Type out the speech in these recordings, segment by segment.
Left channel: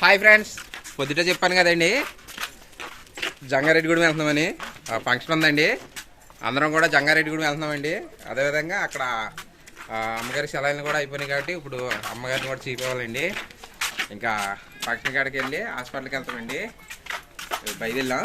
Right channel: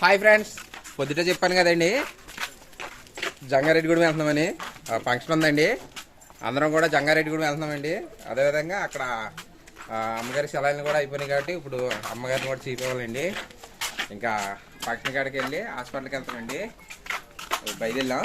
Hi friends పొద్దుట చెప్పాను కదండి. జంగారెడ్డిగూడెం వెళ్తున్నామని. ఫంక్షన్ ఉందండి. అందరం కూడా జంగారెడ్డిగూడెం వెళ్తున్నామండి. అదేవిధంగా అక్కడ అమ్మగారి సెలవులు కూడా అయిపోయినాయి కాబట్టి ఇప్పుడు అమ్మగారిని కూడా చూపించాలండి ఇంకా ఫంక్షన్ కాడికి వెళ్ళి హాస్పిటల్కి వెళ్తామండి. బయలుదేరాం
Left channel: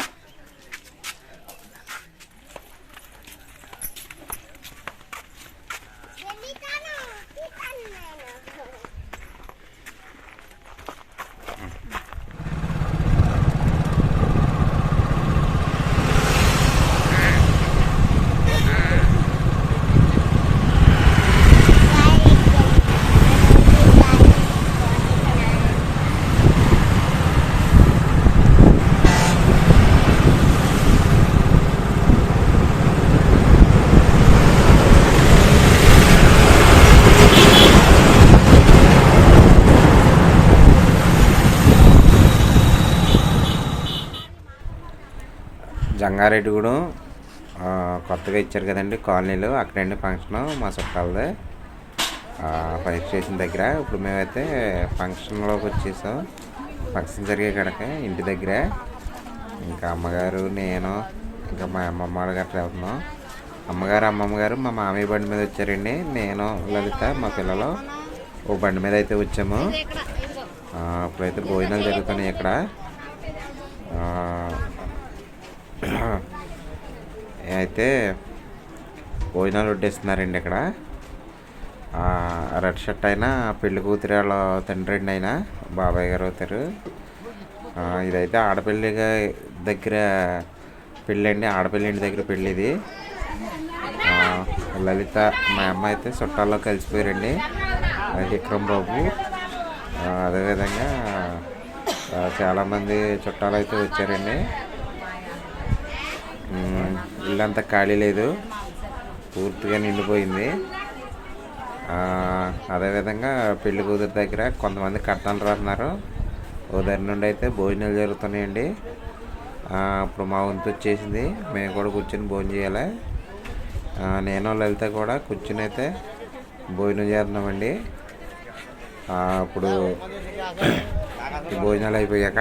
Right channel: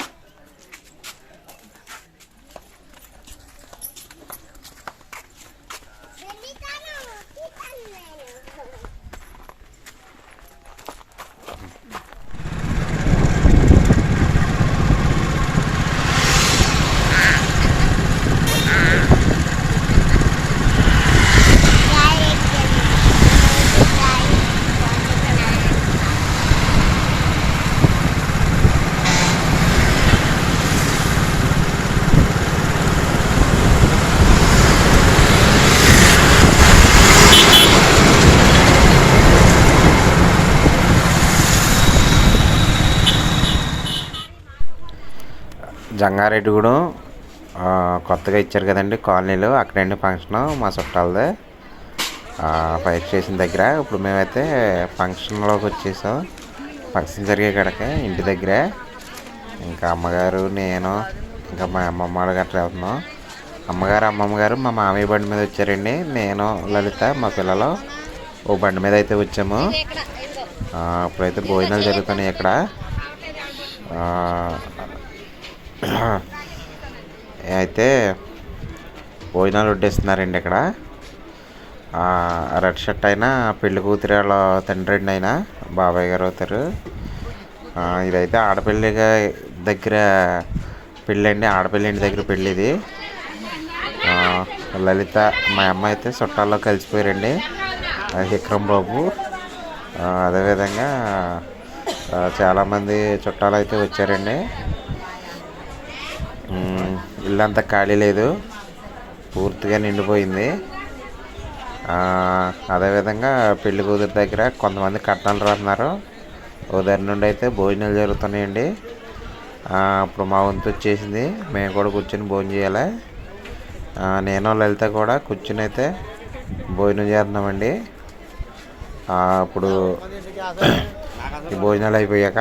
జంగారెడ్డిగూడెం. కూడా కొత్తగా ఇచ్చారు కదండి కాలనీలో. అక్కడండి ఫంక్షన్ మా చుట్టాలది. ఫైర్ స్టేషన్ దగ్గర. ఇప్పుడు మేమైతే ఫంక్షన్లోకి వచ్చేసాం. ఫంక్షన్ జరిగే కాడకే ఇంటి దగ్గరే. ఇంకా అమ్మగారు నేను ఇంకా మా అమ్మమ్మ వాళ్ళ గట్రా వెళ్తున్నాం. అమ్మగారు అమ్మమ్మ గారు మా మామయ్య బండి మీద వచ్చారండి. నేను లలిత మా పిల్లలు ఓ బండి మీద అయితే వచ్చాము. ఇప్పుడైతే భోజనాలు జరుగుతున్నాయి ఇక్కడ. అయితే భోజనాలు వడ్డేస్తున్నారండి ఇక్కడ. రెడ్ షర్ట్ అయినా పెళ్ళి కూతురు వాళ్ళ తండ్రి అండి ఆయన బాబాయ్ గారు అవుతారు. ఇదైతే ఆడపిల్ల దగ్గర పెళ్ళి అండి ఆడపిల్ల ఇంటి దగ్గర పెళ్ళి ఇది. లలిత మా అమ్మ అయితే చుట్టాల్లో కలిసిపోయారండి. విక్రమ్ బాబు. అదేవిధంగా చాలామంది చుట్టాలు అయితే వచ్చారండి. ఇల్లంతా ఖాళీ లేదు. పూర్తిగా నిండిపోయింది. అదేవిధంగా పెళ్ళి కూతురు దగ్గర కొంతమంది కట్నాలు రాస్తున్నారు. ఉదయం నుండి అయితే భోజనాలు జరుగుతున్నాయండి. అప్పుడు ఇప్పుడు మా వంతు వచ్చేసింది. మేము కూడా కూర్చొని భోజనం చేయాలి. నేను లలిత కూడా కూర్చొని అయితే భోజనం చేస్తున్నామండి. ఆ, ఇప్పుడు భోజనాలు అయిపోయాక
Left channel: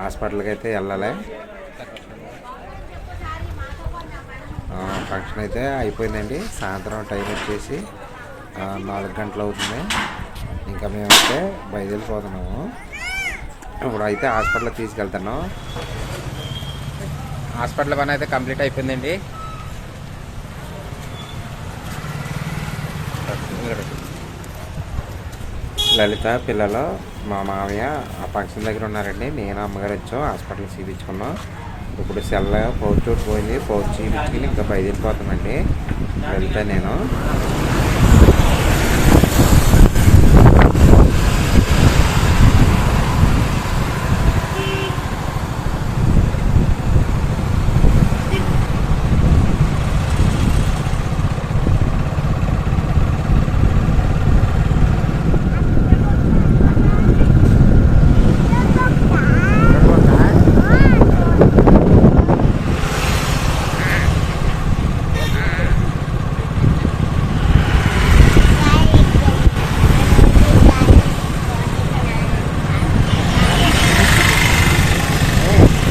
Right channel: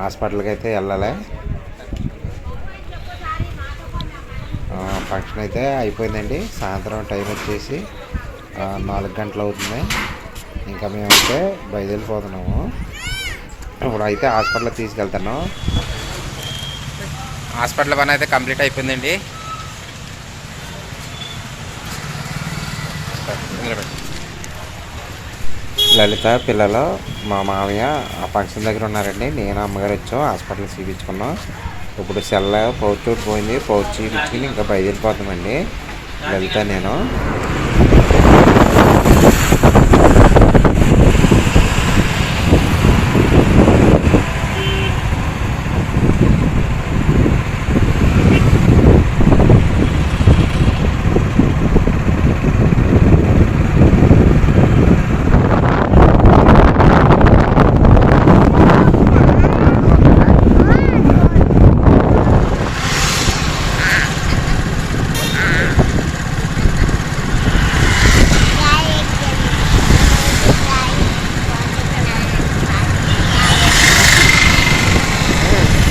హాస్పిటల్కి అయితే వెళ్ళాలి ఫంక్షన్ అయితే అయిపోయిందండి. సాయంత్రం టైం వచ్చేసి నాలుగు గంటలు అవుతుంది. ఇంకా మేమైతే బయలుదేరిపోతున్నాము. ఇప్పుడు అయితే హాస్పిటల్కి తీసుకెళ్తాను హాస్పిటల్ పని అయితే కంప్లీట్ అయిపోయిందండి. లలిత పిల్లలు మా మామయ్య ఆ ఫంక్షన్ దగ్గర ఉన్నారండి. నేను అమ్మగారు వచ్చాం హాస్పిటల్ చూపించుకున్నాం ఇప్పుడు సెల్ పౌచ్ పోయింది. పౌచ్ చూపించుకుని ఇంకా బయలుదేరిపోతామండి లలిత నేను.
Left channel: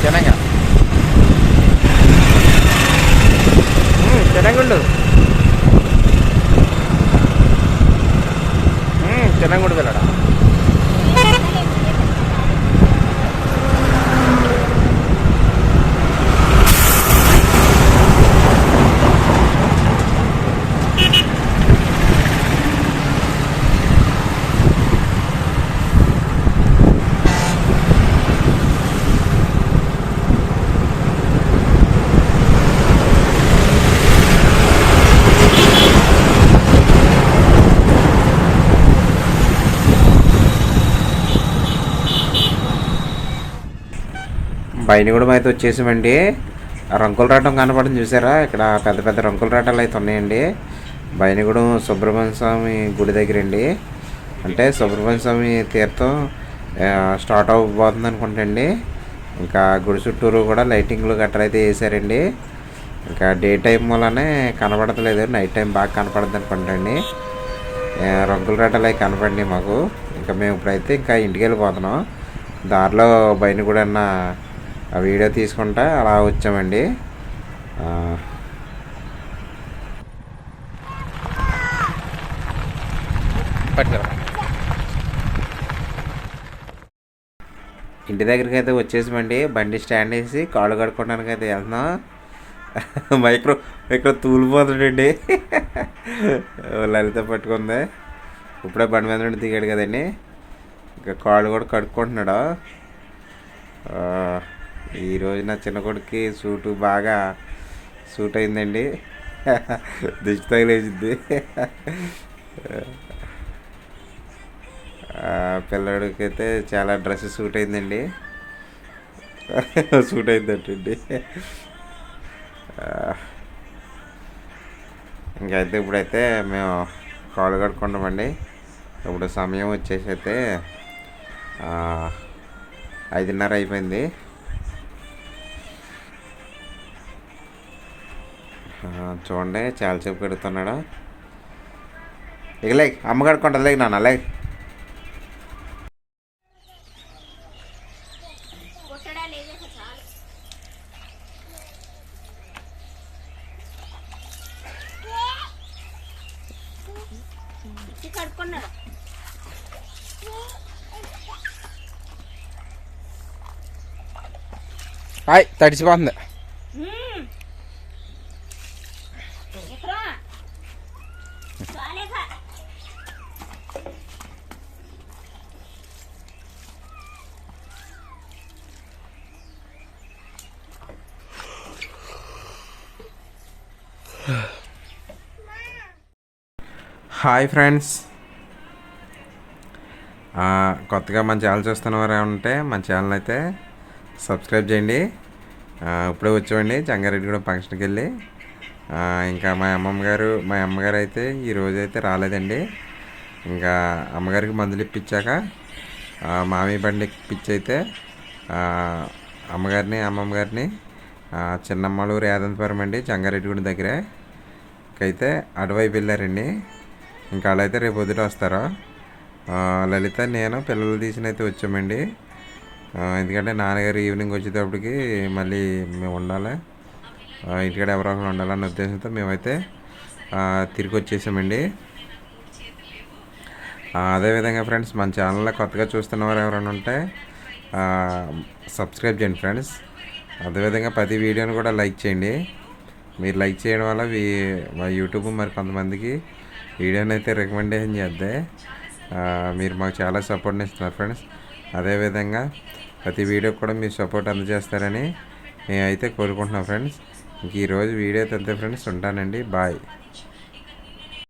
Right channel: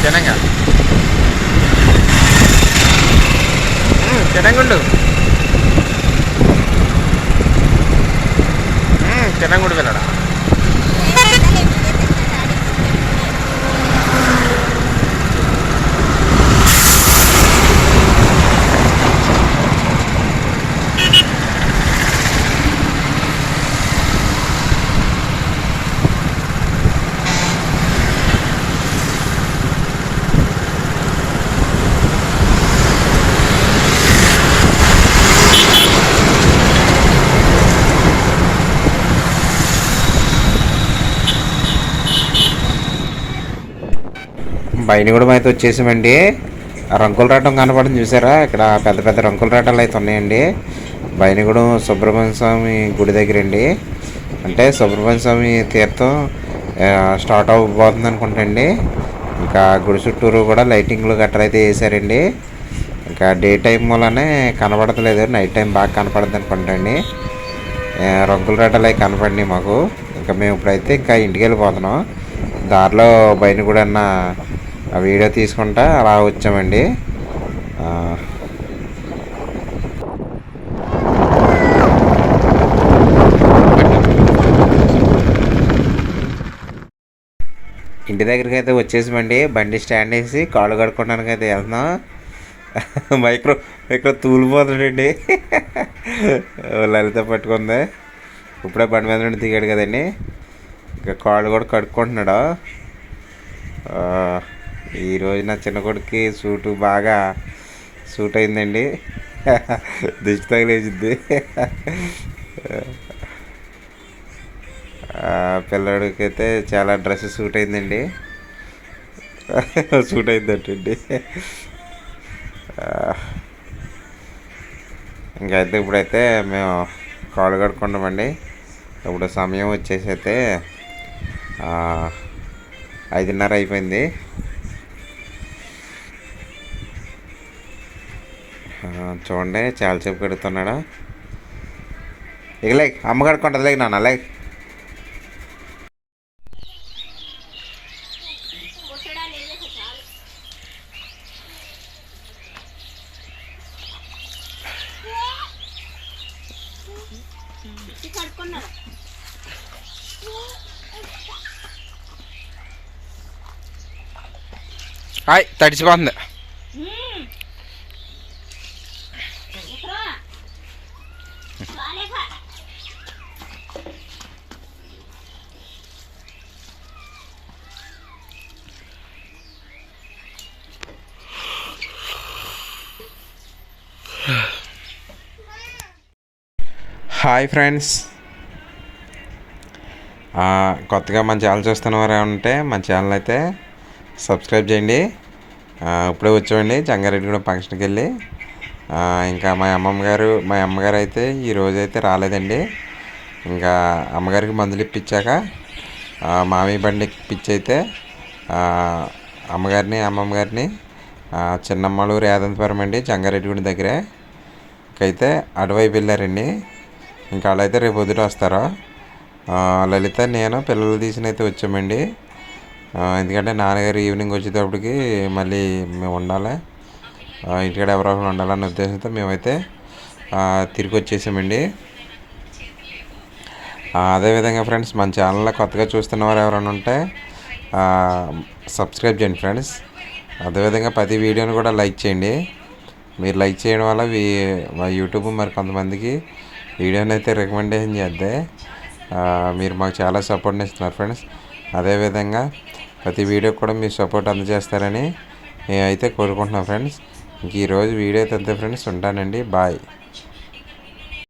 ജനങ്ങ ജനങ്ങുണ്ട് ജനങ്ങോട് വിലടാ. పైన కూడా అయితే వచ్చేసామండి. రంకులు రాటం కనపడింది చూసారా? ఇక్కడ పెద్ద పెద్ద రంకుల రాటాలు అయితే ఉన్నాయండి. బయనగూడెం సుబ్రహ్మణ్య స్వామి గుడి దగ్గర అండి అంటే సుబ్రహ్మణ్య స్వామి తీర్థం స్టార్ట్ అవ్వబోతుంది అనుకుంటండి. ఇంకా గుడి చుట్టూరు కూడా లైటింగ్లు గట్రా అయితే వేసారండి. ఇంకా డే టైం వల్లనే కనపడతలేదు నైట్ టైం బాగా కనపడద్దు అనుకుంటండి. రంగుల రాటలు అవి కనపడినాయి మాకు. ఇంకా మేము ఇప్పుడైతే ఇంకా ఇంటికి వెళ్ళిపోతున్నాం. దారిలో బయన కూడా ఆ వీడియో తీసుకుంటా అలా వచ్చామండి. ఇంటి దగ్గరికి అయితే వచ్చేసామండి. బండి స్టాండ్ వేసి కాళ్ళు కడుక్కోవడానికి అయితే వెళ్తున్నాం. మైక్రో మైక్రో తూలిపోతుండండి లలిత పట్టుకుంది. ఇప్పుడే బండి మీద నుండి దిగాడు కదండి. ఇంకా కాళ్ళు కూడా కడుక్కుంటున్నాడు. ఈరోజు నా చిన్న కొడుక్కి సూటు బాగా సూట్ అయిందండి. దిష్టి తగిలేసింది పిల్లడికైతే అయితే చాలా డ్రెస్ సూట్ అయిందండి. సూట్ అయిందంటండి. ఇంకైతే ఇప్పుడైతే మేము కాళ్ళు కడుక్కుంటామండి. ఇప్పుడు సమయం వచ్చేసి అయితే ఐదున్నర అయిపోయింది. చూడండి చాలాసేపు కడుగుతున్నాడా ఇక లేక్ అమ్మ కడుక్కుంటుంది లేక నాన్న లేక్. హాయ్ తడిచిపోతుంది హాయ్ ఫ్రెండ్స్. కొత్తగా మన ఛానల్ చూస్తున్న వారు ఉంటే మన ఛానల్ అయితే సబ్స్క్రైబ్ చేయండి. ఇప్పుడే వచ్చామండి జంగారెడ్డిగూడెం ఫంక్షన్కి వెళ్ళి. ఇంకా మా అమ్మమ్మ గారు మా అమ్మగారు అయితే ఈ రోజు అయితే రాలేదండి. ఇంకా అమ్మగారికి మందులు ఇప్పించాక మామి బండి ఇప్పించి అయితే అమ్మగారిని అమ్మమ్మ గారిని చిన్నమ్మలూరు యాదంతపురం అండి జంగారెడ్డిగూడెం దగ్గరే. అయితే అటువైపు వెళ్ళారండి. ఇంకా వాళ్ళైతే రేపు పొద్దుట వస్తారా? లలిత నేను పిల్లలు తీసిన అయితే వచ్చామండి ఎందుకంటే నాన్నగారు ఈవినింగ్ వచ్చేటప్పటికి మళ్ళీ మేము ఉండాలి. ఇంటికాడ ఎవరో ఒకరు ఉండాలన్న ఉద్దేశంతో మేమైతే తిరిగి వచ్చేసామండి. అదేవిధంగా ఫ్రెండ్స్ మన ఛానల్లో కొత్తగా చూస్తున్న వారు ఎవరైనా ఉంటే సబ్స్క్రైబ్ చేయండి ఫ్రెండ్స్. అదేవిధంగా ప్రతి వీడియోని కూడా లైక్ చేయండి. మీరు లైక్ చేయడం వల్ల వీ మా యూట్యూబ్ మరి కొంతమందికి వీడియోని అయితే రికమెండేషన్ చేద్దే. మీరు మాకు చాలా సపోర్ట్ని ఇస్తున్నారు ఫ్రెండ్స్. అదేవిధంగా ప్రతి వీడియోకి కూడా మీరు సపోర్ట్ అందజేస్తారని నేనైతే కోరుకుంటున్నాను ఫ్రెండ్స్. ఇంక ఈరోజు వీడియో అయితే అంతే ఫ్రెండ్స్. ఉంటానండి. బాయ్.